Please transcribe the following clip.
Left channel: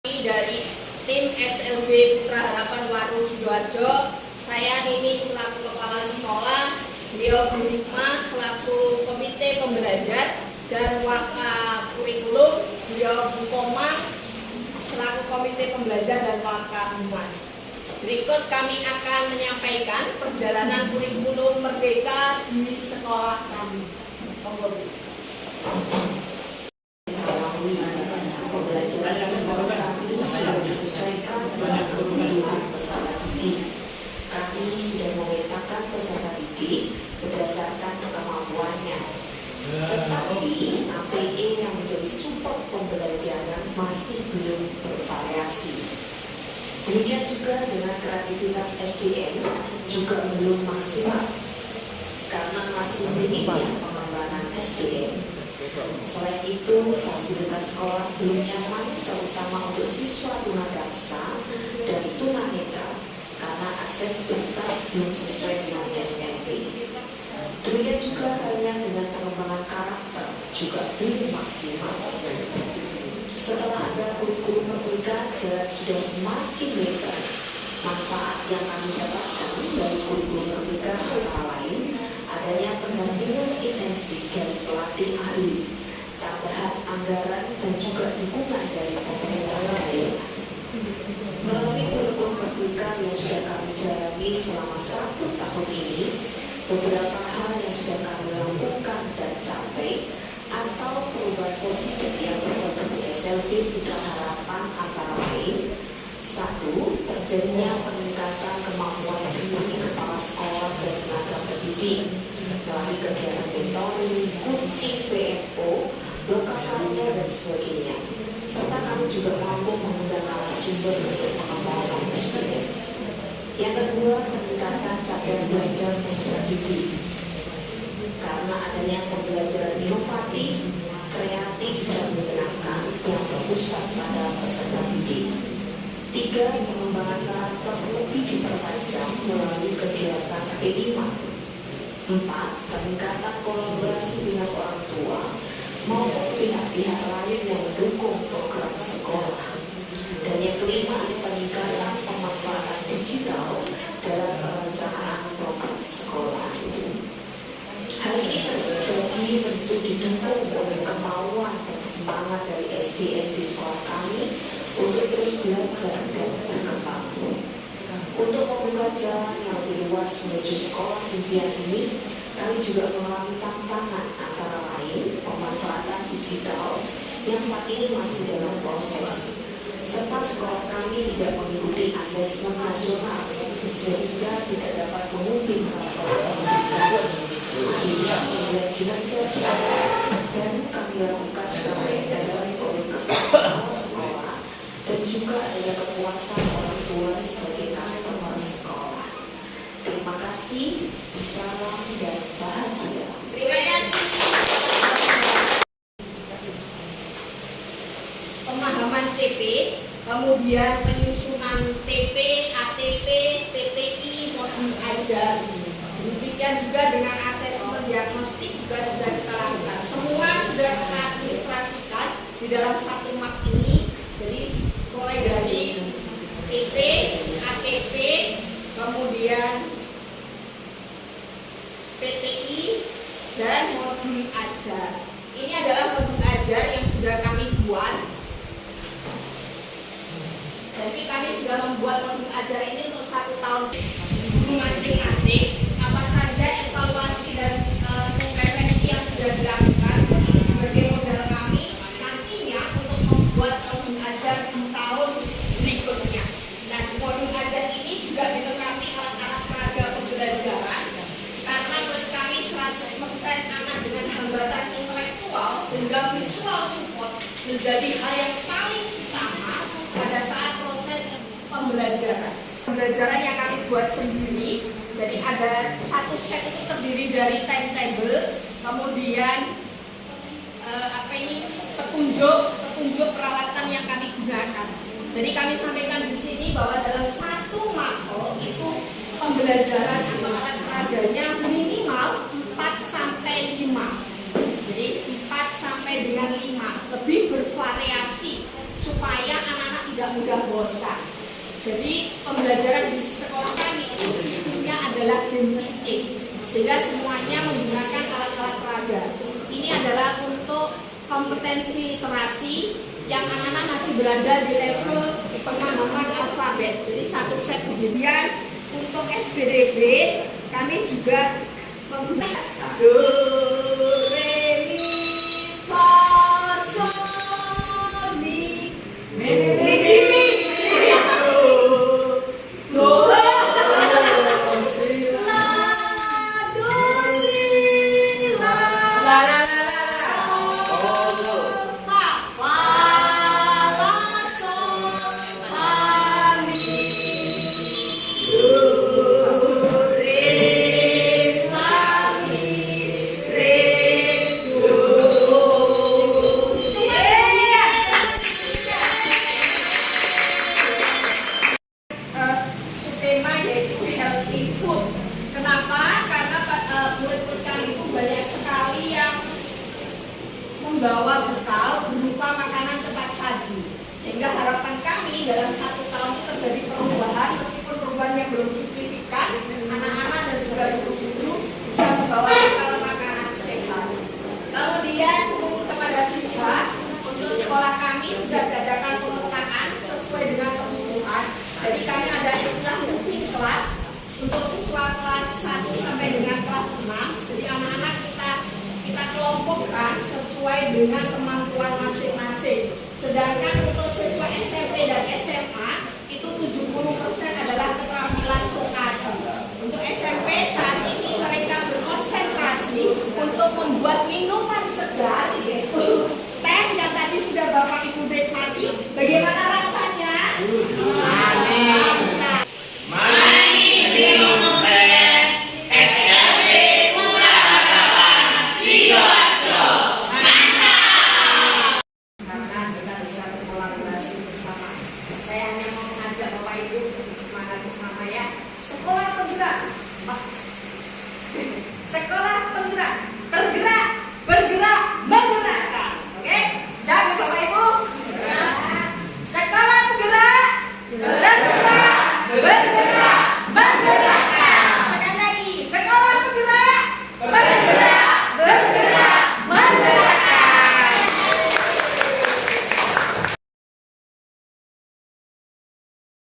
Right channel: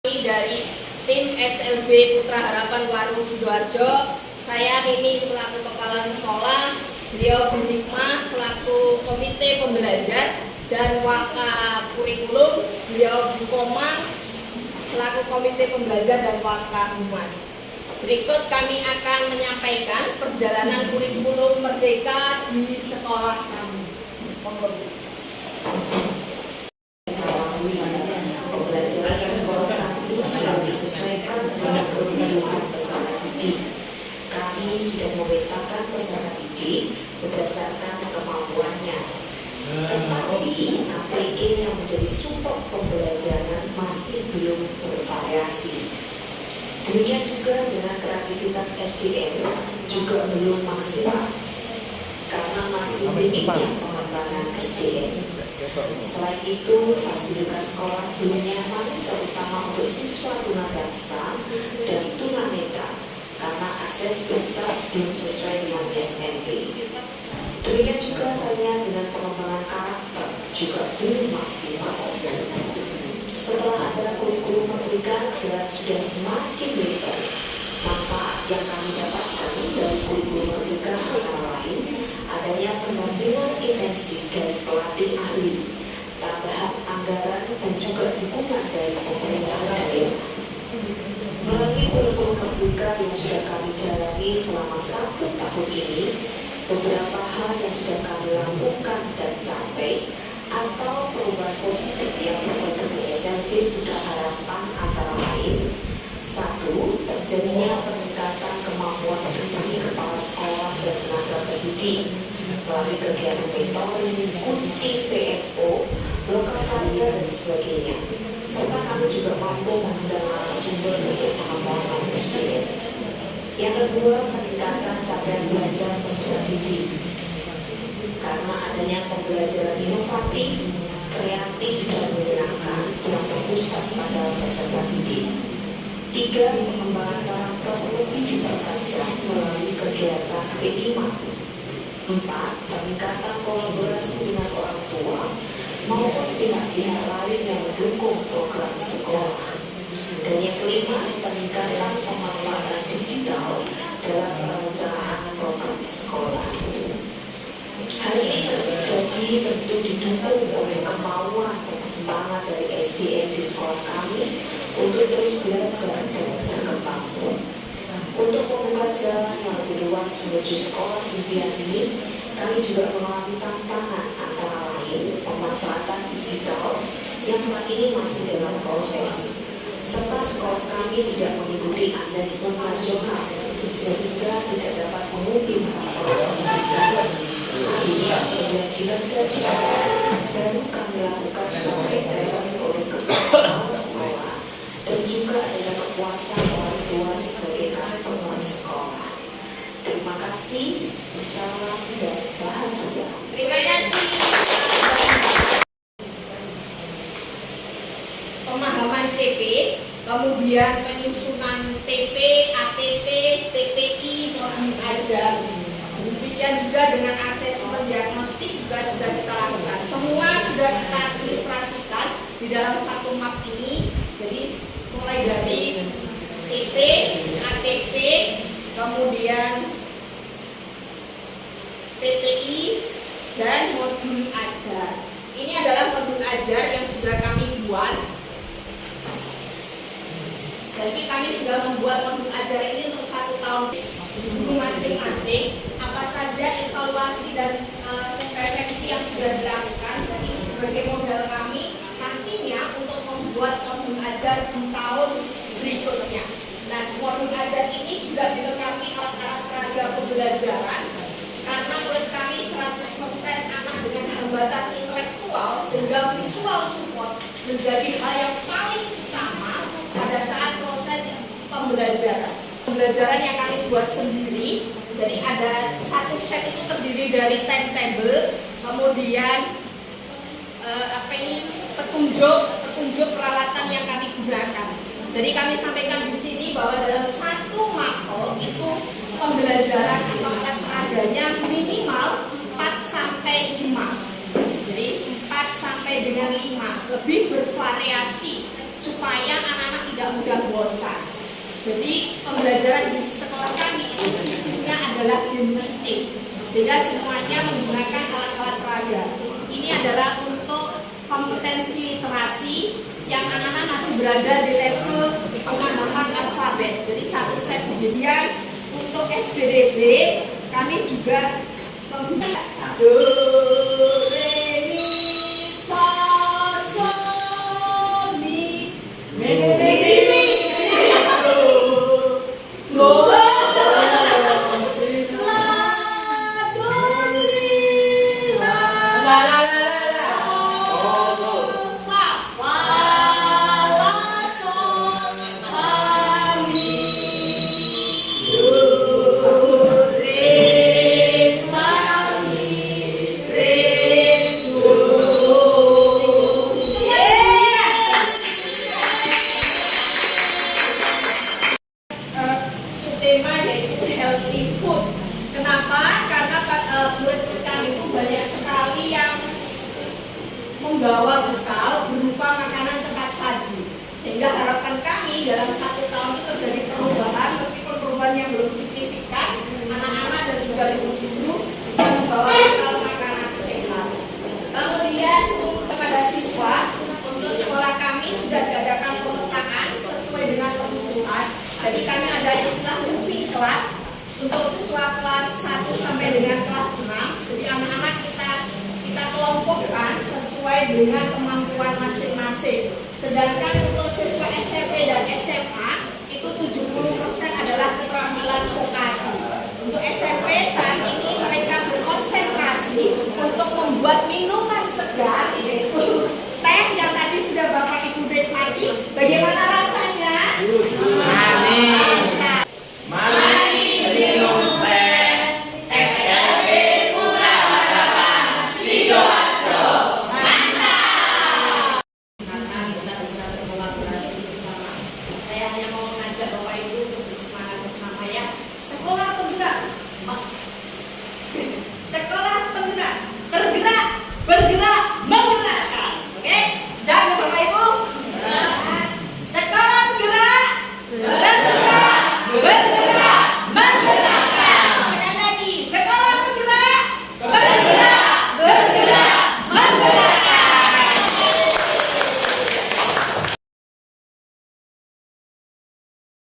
Dari tim SLB Putra Harapan Waru Sidoarjo, saya Nini selaku kepala sekolah, beliau Bu Hikmah selaku komite pembelajar, dan Waka Kurikulum beliau Bu Komang selaku komite pembelajar dan Waka Humas. Berikut kami akan menyampaikan perjalanan kurikulum merdeka di sekolah kami. Pembelajaran di sekolah kami sudah disesuaikan dengan kebutuhan peserta didik. Kami sudah memetakan peserta didik berdasarkan kemampuannya. Tetapi APE yang menjadi support pembelajaran masih belum bervariasi. Demikian juga dengan kreativitas SDM juga belum maksimal karena masih minimnya pengembangan SDM. Selain itu, fasilitas sekolah belum nyaman terutama untuk siswa tunadaksa dan tunanetra karena aksesibilitas belum sesuai dengan SMP. Demikian juga halnya dengan pengembangan karakter juga belum maksimal. Setelah ada kurikulum merdeka, jalan sudah semakin lebar. Manfaat yang kami dapatkan dari kurikulum merdeka antara lain adanya pendampingan intensif dari pelatih ahli, tambahan anggaran dan juga dukungan dari pemerintah daerah. Melalui kurikulum merdeka yang sudah kami jalani selama 1 tahun ini, beberapa hal yang sudah kami lakukan dan capai atau perubahan positif yang terjadi di SLB Putra Harapan antara lain: 1. Terjadinya peningkatan kemampuan diri kepala sekolah dan tenaga pendidik melalui kegiatan mentoring, coaching, PFO, lokal karya dan sebagainya. Serta kami juga mampu mengundang narasumber untuk pengembangan SDM. Yang kedua, peningkatan capaian belajar peserta didik karena adanya pembelajaran inovatif, kreatif dan menyenangkan yang berpusat pada peserta didik. 3. Pengembangan karakter lebih dipertajam melalui kegiatan P5. 4. Peningkatan kolaborasi dengan orang tua maupun pihak-pihak lain yang mendukung program sekolah. Dan yang kelima, peningkatan pemanfaatan digital dalam perencanaan program sekolah. Hal ini terjadi tentu didukung oleh kemauan dan semangat dari SDM di sekolah kami untuk terus belajar dan berkembang. Untuk membuka jalan yang lebih luas menuju sekolah impian ini, kami juga mengalami tantangan antara lain pemanfaatan digital yang saat ini masih dalam proses, serta sekolah kami tidak mengikuti asesmen nasional sehingga tidak dapat mengubah laporan pendidikan. Kemudian kinerja sekolah baru kami lakukan secara intern oleh kepala sekolah dan juga adanya kepuasan orang tua sebagai customer sekolah. Terima kasih, salam dan bahagia. Terima kasih. Pemahaman CP, kemudian penyusunan TP, ATP, TTI, modul ajar. Demikian juga dengan asesmen diagnostik juga sudah kita lakukan. Semua sudah kita administrasikan di dalam satu map ini. Jadi mulai dari TP, ATP, kemudian PTI, dan modul ajar. Ini adalah modul ajar yang sudah kami buat. Jadi kami sudah membuat modul ajar ini untuk 1 tahun. Guru masing-masing apa saja evaluasi dan refleksi yang sudah dilakukan, dan ini sebagai modal kami nantinya untuk membuat modul ajar di tahun berikutnya. Nah, modul ajar ini juga dilengkapi alat-alat peraga pembelajaran karena menurut kami 100% anak dengan hambatan intelektual, sehingga visual support menjadi hal yang paling utama pada saat proses pembelajaran. Pembelajaran yang kami buat sendiri. Jadi ada satu set itu terdiri dari timetable, kemudian petunjuk peralatan yang kami gunakan. Jadi kami sampaikan di sini bahwa dalam satu mapel itu pembelajaran atau alat peraganya minimal 4 sampai 5. Jadi 4 sampai dengan 5, lebih bervariasi supaya anak-anak tidak tidak mudah bosan. Jadi pembelajaran di sekolah kami itu sistemnya adalah game teaching, sehingga semuanya menggunakan alat-alat peraga. Ini adalah untuk kompetensi literasi yang anak-anak masih berada di level pemahaman alfabet. Jadi satu set kemudian untuk SPDB kami juga menggunakan do, re, mi, fa, sol, mi, do, la, do, si, la, tema yaitu healthy food. Kenapa? Karena murid kami itu banyak sekali yang membawa bekal berupa makanan cepat saji. Sehingga harapan kami dalam 1 tahun itu terjadi perubahan, meskipun perubahan yang belum signifikan, anak-anak dan juga ibu-ibu bisa membawa bekal makanan sehat. Kemudian kepada siswa, untuk sekolah kami sudah diadakan pemetaan sesuai dengan kebutuhan. Jadi kami ada istilah moving class untuk siswa kelas 1 sampai dengan kelas 6. Jadi anak-anak kita kelompokkan sesuai dengan kemampuan masing-masing. Sedangkan